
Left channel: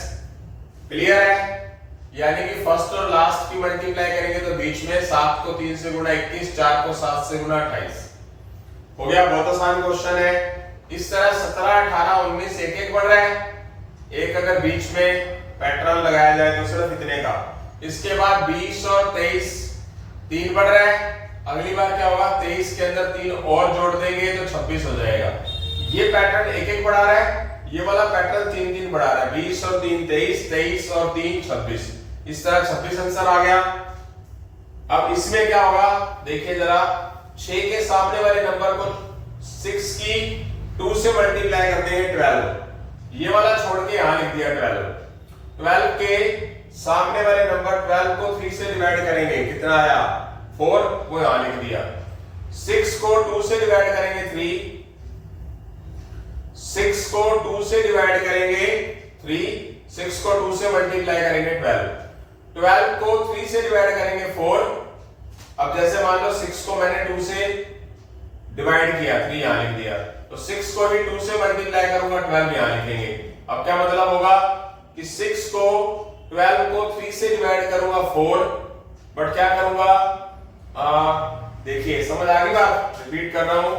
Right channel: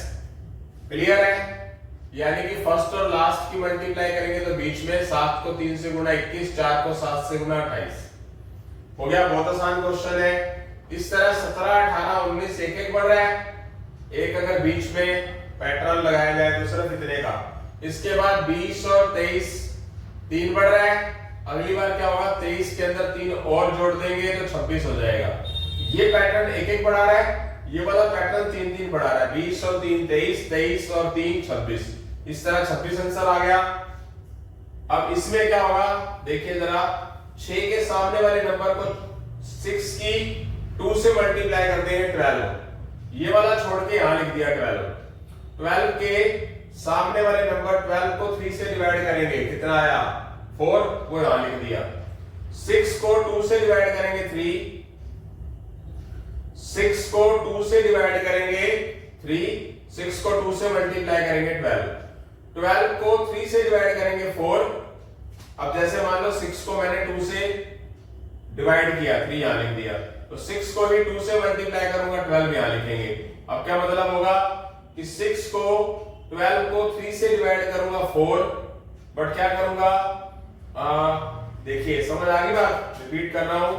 क्लियर है। यानी कि फर्स्ट और लास्ट की मल्टीप्लाई करेंगे तो बीच में 7 को 3 से गुना 21, 4 को 7 से गुना 28 हो गया। बहुत आसान क्वेश्चन है। इस तरह 17 18 19 एक एक बढ़ रहा है। एक अगर बीच में पैटर्न लगाया जाए तो सिर्फ इतने का। इसके बाद 20 और 23 3 बढ़ रहा है। अगली बार क्या होगा, 23 के अंदर 3 और जोड़ देंगे तो 26 हो जाएगा। ये पैटर्न एक एक बढ़ा रहा है, ये वाला पैटर्न 3 3 बढ़ा रहा है। 20 और 3 23, 23 और 3 26, इस तरह 26 आंसर आ गया। अब इसमें क्या होगा देखिए जरा, 6 के सामने वाले नंबर को 6 की 2 से मल्टीप्लाई करते हैं 12, ये वाला छोड़ के यहां लिख दिया 12। 12 के सामने वाले नंबर 12 को 3 से डिवाइड करेंगे, कितना आया 4, वो यहां लिख दिया। 6 को 2 से डिवाइड करेंगे 3, 6 को 2 से डिवाइड करेंगे 3, 6 को 2 से मल्टीप्लाई करेंगे 12, 12 को 3 से डिवाइड करेंगे 4। अब जैसे मान लो 6 को मैंने 2 से डिवाइड किया, 3 यहां लिख दिया, तो 6 को भी 2 से मल्टीप्लाई करूंगा, 12 यहां लिखेंगे। अब क्या मतलब होगा कि 6 को 12 को 3 से डिवाइड करूंगा 4, बट क्या करूंगा, देखिए समझ आ गई बात, रिपीट कर रहा हूं।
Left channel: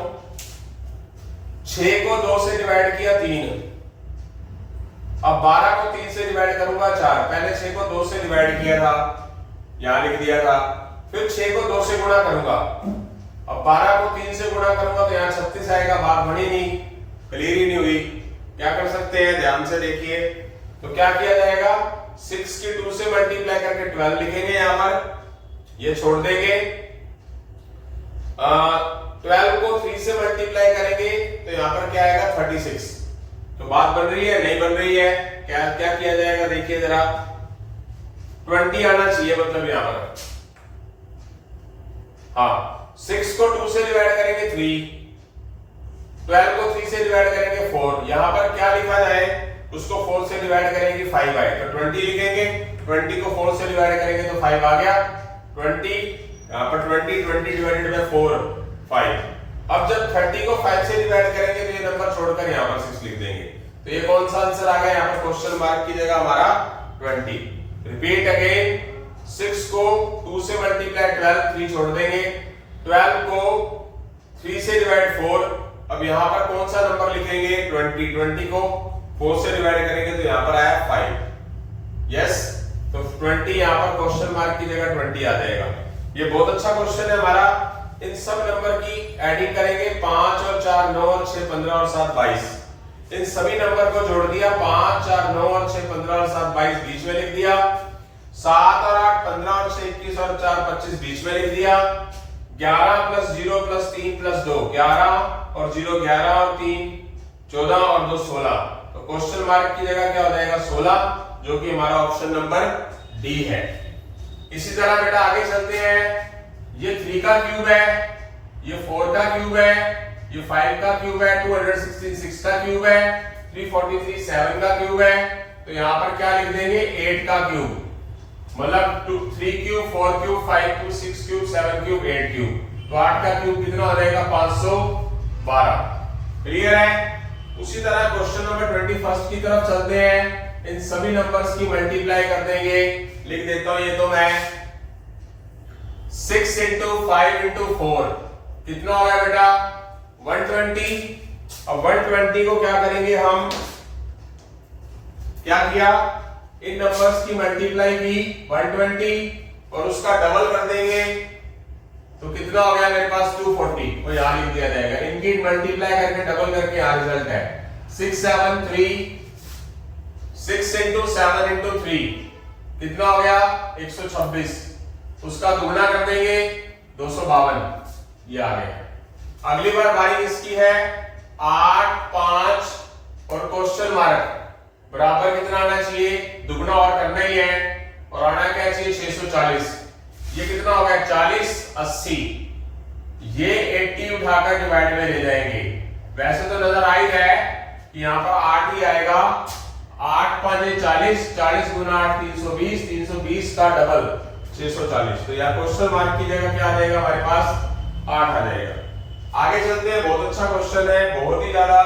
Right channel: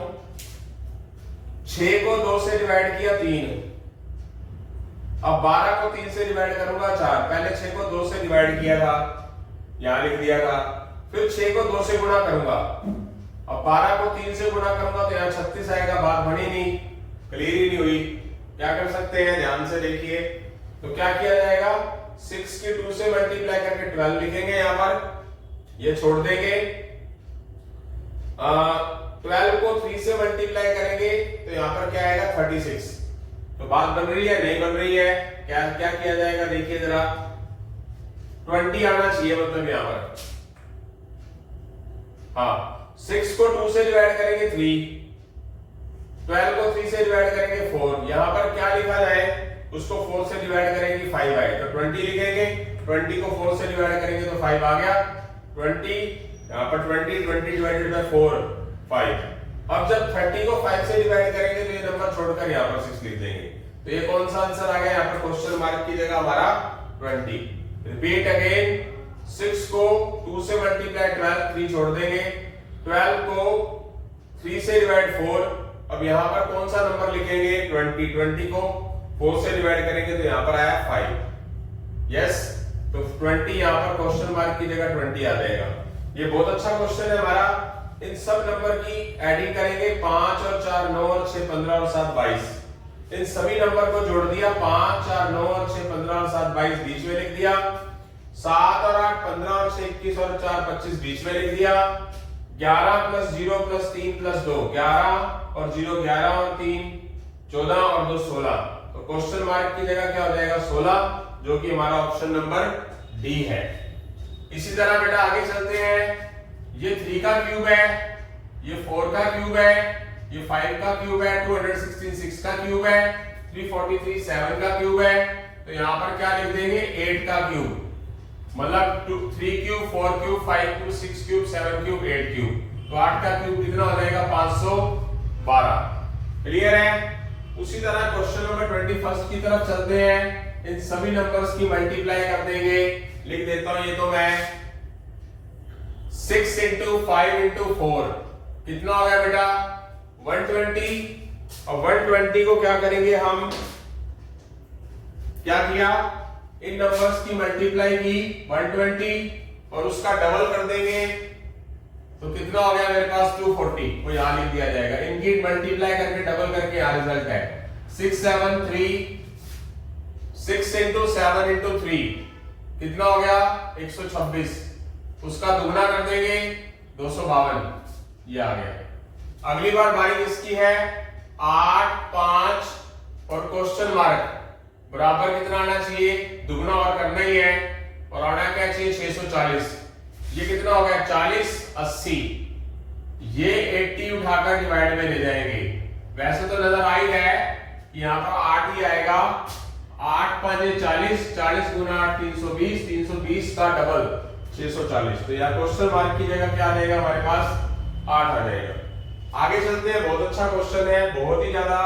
6 को 2 से डिवाइड किया 3, अब 12 को 3 से डिवाइड करूंगा 4। पहले 6 को 2 से डिवाइड किया था, यहां लिख दिया था, फिर 6 को 2 से गुणा करूंगा, अब 12 को 3 से गुणा करूंगा तो यहाँ 36 आएगा। बात बनी नहीं, क्लियर ही नहीं हुई। क्या कर सकते हैं, ध्यान से देखिए। तो क्या किया जाएगा, 6 की 2 से मल्टीप्लाई करके 12 लिखेंगे, यहां पर ये छोड़ देंगे। 12 को 3 से मल्टीप्लाई करेंगे तो यहां पर क्या आएगा 36। तो बात बन रही है, नहीं बन रही है, क्या क्या किया जाएगा देखिए जरा, 20 आना चाहिए मतलब यहां पर। हाँ, 6 को 2 से डिवाइड करेंगे 3, 12 को 3 से डिवाइड करेंगे 4, यहां पर क्या लिखा जाए, उसको 4 से डिवाइड करेंगे 5 आए तो 20 लिखेंगे। 20 को 4 से डिवाइड करेंगे तो 5 आ गया 20, यहां पर 20 डिवाइडेड बाय 4 5। अब जब 30 को 5 से डिवाइड करेंगे तो ये नंबर छोड़कर यहां पर 6 लिख देंगे। तो ये कौन सा आंसर आ गया, यहां पर क्वेश्चन मार्क की जगह हमारा 20। रिपीट अगेन, 6 को 2 से मल्टीप्लाई 12, 3 छोड़ देंगे, 12 को 3 से डिवाइड 4। अब यहां पर कौन सा नंबर लिखेंगे 20, 20 को 4 से डिवाइड करेंगे तो यहाँ पर आया 5। यस, तो 20 यहाँ पर क्वेश्चन मार्क की जगह 20 आ जाएगा। ये बहुत अच्छा क्वेश्चन है हमारा। इन सब नंबर की एडिंग करेंगे, 5 और 4 9 और 6 15 और 7 22। इन सभी नंबर को जोड़ दिया, 5 4 9 और 6 15 और 7 22 बीच में लिख दिया, 7 और 8 15 और 6 21 और 4 25 बीच में लिख दिया, 11 प्लस 0 प्लस 3 प्लस 2 11 और 0 11 और 3 14 और 2 16। तो क्वेश्चन मार्क की जगह क्या हो जाएगा 16, जो कि हमारा ऑप्शन नंबर डी है। इसी तरह बेटा आगे चलते हैं। ये 3 का क्यूब है, ये 4 का क्यूब है, ये 5 का क्यूब है, 216 6 का क्यूब है, 343 7 का क्यूब है। तो यहां पर क्या लिख देंगे 8 का क्यूब, मतलब 3 cube 4 cube 5 cube 6 cube 7 cube 8 cube. तो 8 का क्यूब कितना हो जाएगा 512। क्लियर है। उसी तरह क्वेश्चन नंबर 21 की तरफ चलते हैं। इन सभी नंबर्स की मल्टीप्लाई कर देंगे। लिख देता हूं ये तो मैं 6 into 5 into 4 कितना हो गया बेटा 120। अब 120 को क्या करेंगे हम, क्या किया, इन नंबर्स की मल्टीप्लाई की 120 और उसका डबल कर देंगे तो कितना हो गया मेरे पास 240, वो यहां लिख दिया जाएगा। इनकी मल्टीप्लाई करके डबल करके यहां रिजल्ट है 6 7 3 6 into 7 into 3 कितना हो गया 126, उसका दुगना कर देंगे 252, ये आ गया। अगली बार बारी इसकी है 8 5 और क्वेश्चन मार्क बराबर कितना आना चाहिए, दुगना और करना ही है, और आना क्या चाहिए 640। ये कितना हो गया 40 80, ये 80 उठाकर डिवाइड में ले जाएंगे। वैसे तो नजर आ ही है कि यहाँ पर 8 ही आएगा, 8 5 40 40 गुना 8 320, 320 का डबल 640। तो यहाँ क्वेश्चन मार्क की जगह क्या आ जाएगा हमारे पास 8 आ जाएगा। आगे चलते हैं। बहुत अच्छा क्वेश्चन है, बहुत ही ज्यादा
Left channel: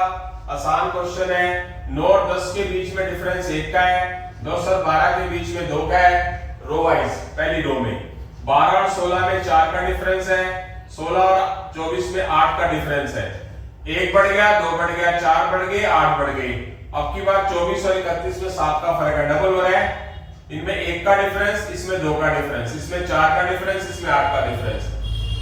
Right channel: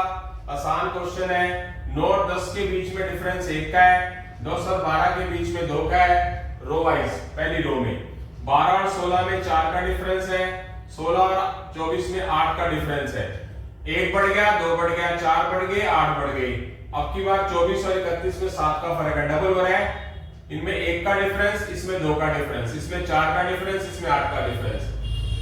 आसान क्वेश्चन है। 9 और 10 के बीच में डिफरेंस 1 का है, 10 और 12 के बीच में 2 का है, रो वाइज पहली रो में। 12 और 16 में 4 का डिफरेंस है, 16 और 24 में 8 का डिफरेंस है। 1 बढ़ गया, 2 बढ़ गया, 4 बढ़ गए, 8 बढ़ गई। अब की बार 24 और 31 में 7 का फर्क है, डबल हो रहा है। इनमें 1 का डिफरेंस, इसमें 2 का डिफरेंस, इसमें 4 का डिफरेंस, इसमें 8 का डिफरेंस,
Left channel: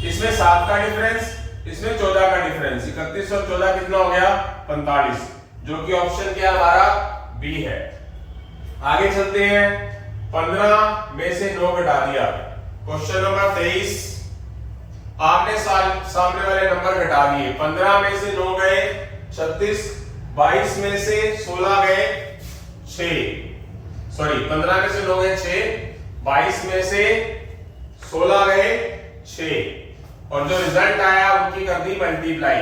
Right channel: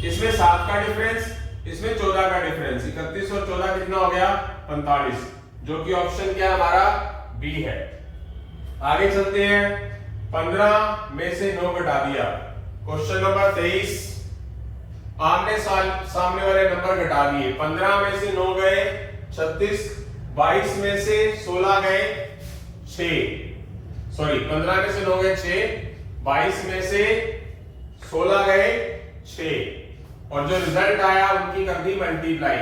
इसमें 7 का डिफरेंस, इसमें 14 का डिफरेंस। 31 और 14 कितना हो गया 45, जो कि ऑप्शन क्या हमारा बी है। आगे चलते हैं। 15 में से 9 घटा दिया, क्वेश्चन नंबर 23। आमने सामने वाले नंबर घटा दिए, 15 में से 9 गए 36, 22 में से 16 गए 6, सॉरी 15 में से 9 गए 6, 22 में से 16 गए 6, और जो रिजल्ट आया उनकी कर दी मल्टीप्लाई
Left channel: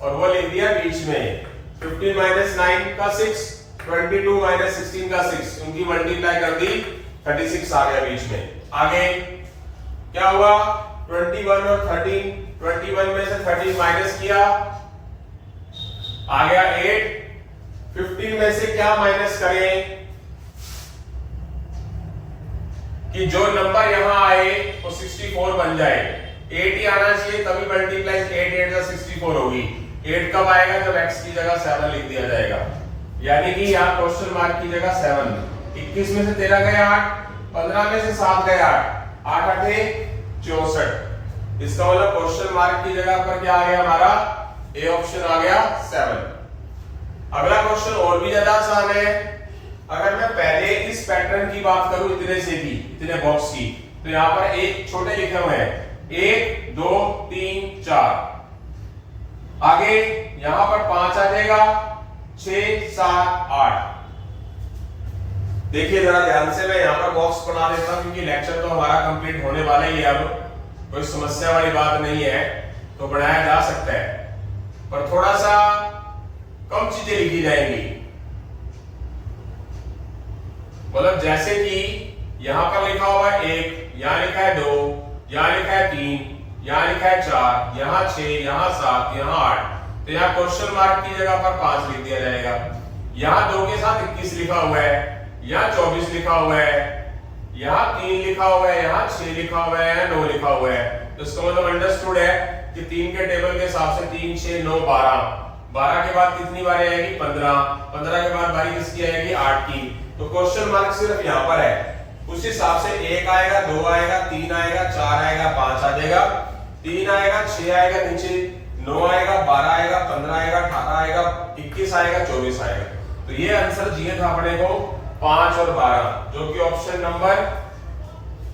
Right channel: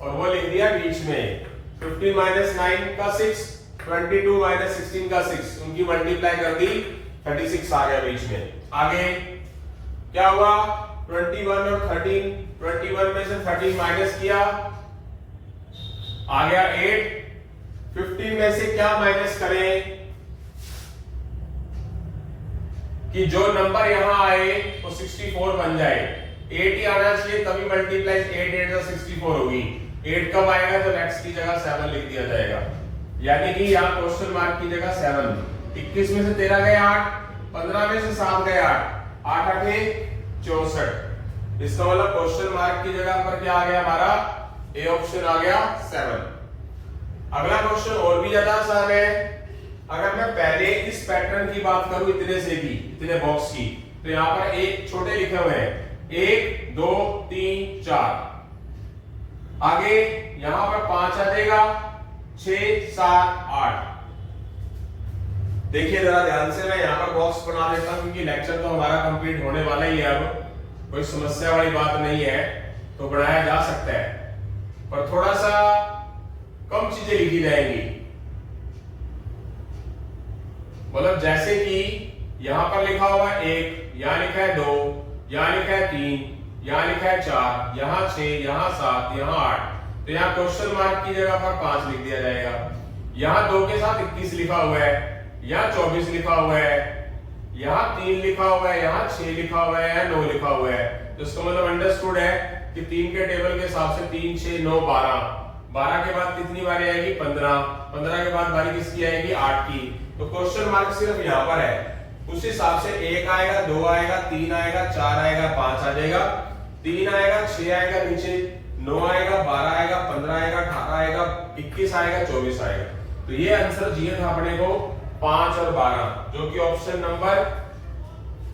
और वो लिख दिया बीच में 15 माइनस 9 का 6, 22 माइनस 16 का 6, उनकी मल्टीप्लाई कर दी 36 आ गया बीच में। आगे क्या हुआ 21 और 13, 21 में से 13 माइनस किया आ गया 8, 15 में से क्या माइनस करें कि जो नंबर यहां आए वो 64 बन जाए। 8 ही आना चाहिए, तभी मल्टीप्लाई 8 8 का 64 होगी। 8 कब आएगा जब x की जगह 7 लिख दिया जाएगा, यानी कि यहाँ क्वेश्चन मार्क की जगह 7। 21 में से 13 गए 8, 15 में से 7 गए 8, 8 8 64। इसका मतलब क्वेश्चन मार्क की जगह पर क्या आ गया हमारा ए ऑप्शन आ गया 7। अगला क्वेश्चन और भी ज्यादा आसान है। अगर मैं पहले इस पैटर्न की बात करूं इतने से की, इतने बॉक्स की, तो यहां पर एक छोटे लिखे हुए हैं 1 2 3 4, आगे यहां पर 5 आ जाएगा, 6 7 8। देखिए जरा ध्यान से, मैं यहां पर बॉक्स बना देता हूं क्योंकि लेक्चर तो हमारा कंप्लीट होने वाला ही है, अब कोई समस्या वाली बात नहीं है, तो बनाया जा सकता है, पर थोड़ा सा कम चीजें लिखी जाएंगी। मतलब जैसे कि यहां पर लिखा हुआ है 1, यहां लिखा है 2, यहां लिखा है 3, यहां लिखा है 4, यहां 6, यहां 7, यहां 8, तो यहां क्वेश्चन मार्क की जगह पर 5 लिख दिया जाएगा। यहां 2 के साथ 21 लिखा हुआ है, यहां 24 लिखा हुआ है, यहां 3 लिखा हुआ है, यहां 6 लिखा हुआ है, 9 लिखा हुआ है। तो इसका मतलब अंडरस्टूड है कि 3 के टेबल के हिसाब से 3 6 9 12, 12 के बाद कितनी बारी आएगी 15, 15 के बाद बारी किसकी आएगी 8 की। तो क्वेश्चन मार्क सिर्फ यहाँ पर है, उस हिसाब से 1 आएगा, 2 आएगा, 3 आएगा, 4 आएगा, 5 आ जाएगा, 3 आएगा, 6 आएगा नीचे, 9 आएगा, 12 आएगा, 15 आएगा, 18 आएगा, 21 आएगा, 24 आएगा। तो ये आंसर चाहिए था अपने को 5 और 12, जो कि ऑप्शन नंबर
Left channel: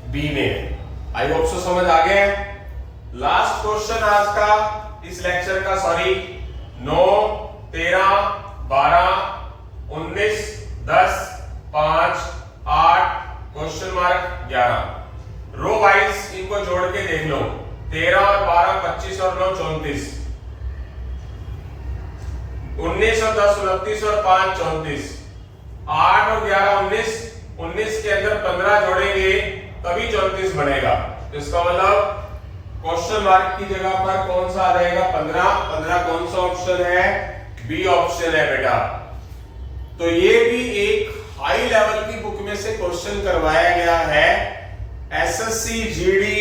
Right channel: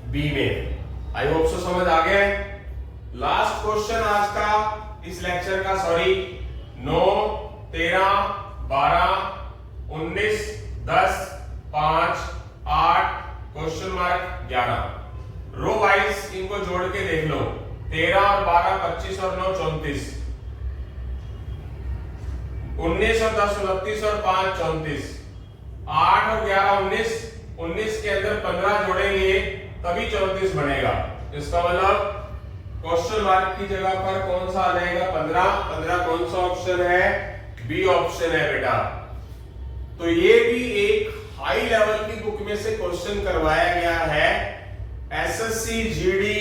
बी में है। आई होप सो समझ आ गया। लास्ट क्वेश्चन आज का, इस लेक्चर का, sorry, 9, 13, 12, 19, 10, 5, 8, question mark 11। Row wise इनको जोड़ के देख लो, 13 और 12 25 और 9 34, 19 और 10 29 और 5 34, 8 और 11 19, 19 के अंदर 15 जोड़ेंगे तभी 34 बनेगा। इसका मतलब क्वेश्चन मार्क की जगह पर कौन सा आ जाएगा 15। 15 कौन सा ऑप्शन है, बी ऑप्शन है बेटा। तो ये भी एक हाई लेवल की बुक में से क्वेश्चन करवाया गया है। एसएससी जीडी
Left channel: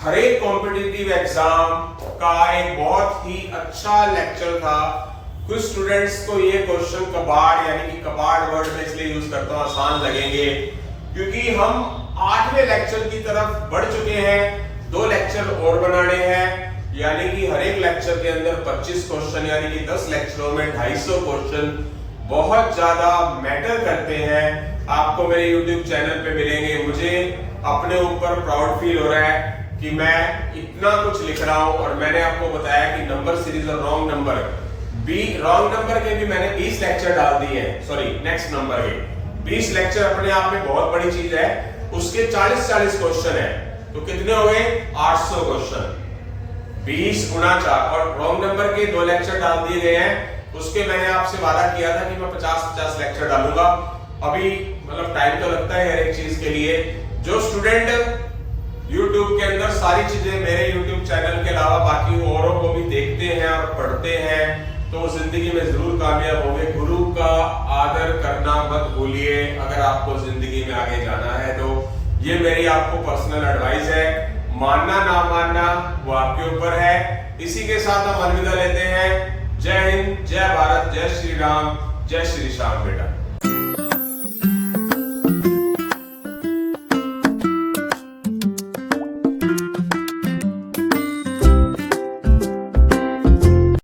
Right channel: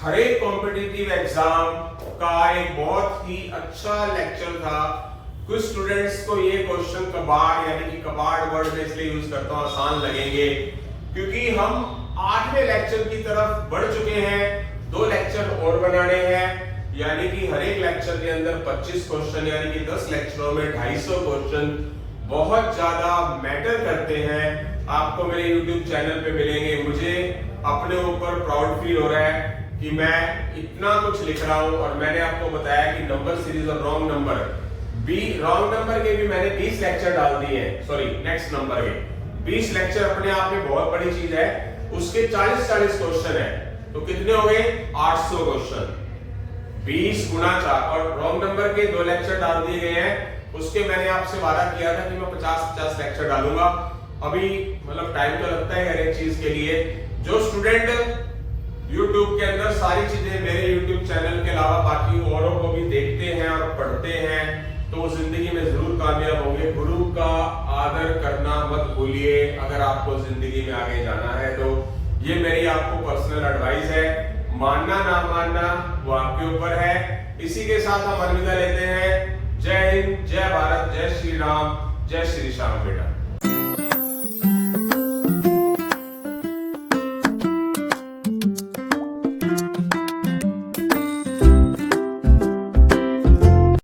हर एक कॉम्पिटिटिव एग्जाम का एक बहुत ही अच्छा लेक्चर था। कुछ स्टूडेंट्स को ये क्वेश्चन कबाड़ यानी कि कबाड़ वर्ड में इसलिए यूज करता हूं, आसान लगेंगे क्योंकि हम 8वें लेक्चर की तरफ बढ़ चुके हैं। 2 लेक्चर और बनाने हैं, यानी कि हर एक लेक्चर के अंदर 25 क्वेश्चन, यानी कि 10 लेक्चरों में 250 क्वेश्चन बहुत ज्यादा मैटर करते हैं। आपको मेरे YouTube चैनल पे मिलेंगे। मुझे अपने ऊपर प्राउड फील हो रहा है कि मैं इतना कुछ लिख रहा हूं। और मैंने आपको बताया कि नंबर सीरीज और रॉन्ग नंबर के भी मैंने 20 लेक्चर डाल दिए हैं। सॉरी, नेक्स्ट नंबर के 20 लेक्चर अपने आप में बहुत बड़ी चीज है। उसके 40 क्वेश्चन है, तो कितने हो गए 800 क्वेश्चन। 20 गुणा 4 और रॉन्ग नंबर के 2 लेक्चर डाल दिए गए हैं। उसके मैंने आपसे वादा किया था कि मैं 50 लेक्चर डालूंगा। अभी मतलब टाइम तो लगता है हर एक चीज के लिए। जो स्टूडेंट YouTube के अंदर सारी चीजें मेरे YouTube चैनल के अलावा बाकी औरों को भी देखते हैं और पढ़ते हैं, तो जिंदगी में जरूर कामयाब होंगे। गुरु का आदर करना मत भूलिए अगर आपको जिंदगी में आगे जाना है। तो ये मेरी आपको पर्सनल एडवाइस है। मानना ना मानना वो आपके ऊपर है। इसी के साथ हम अलविदा लेते हैं। जय हिंद, जय भारत, जय श्री राम, जय श्री श्याम बेटा।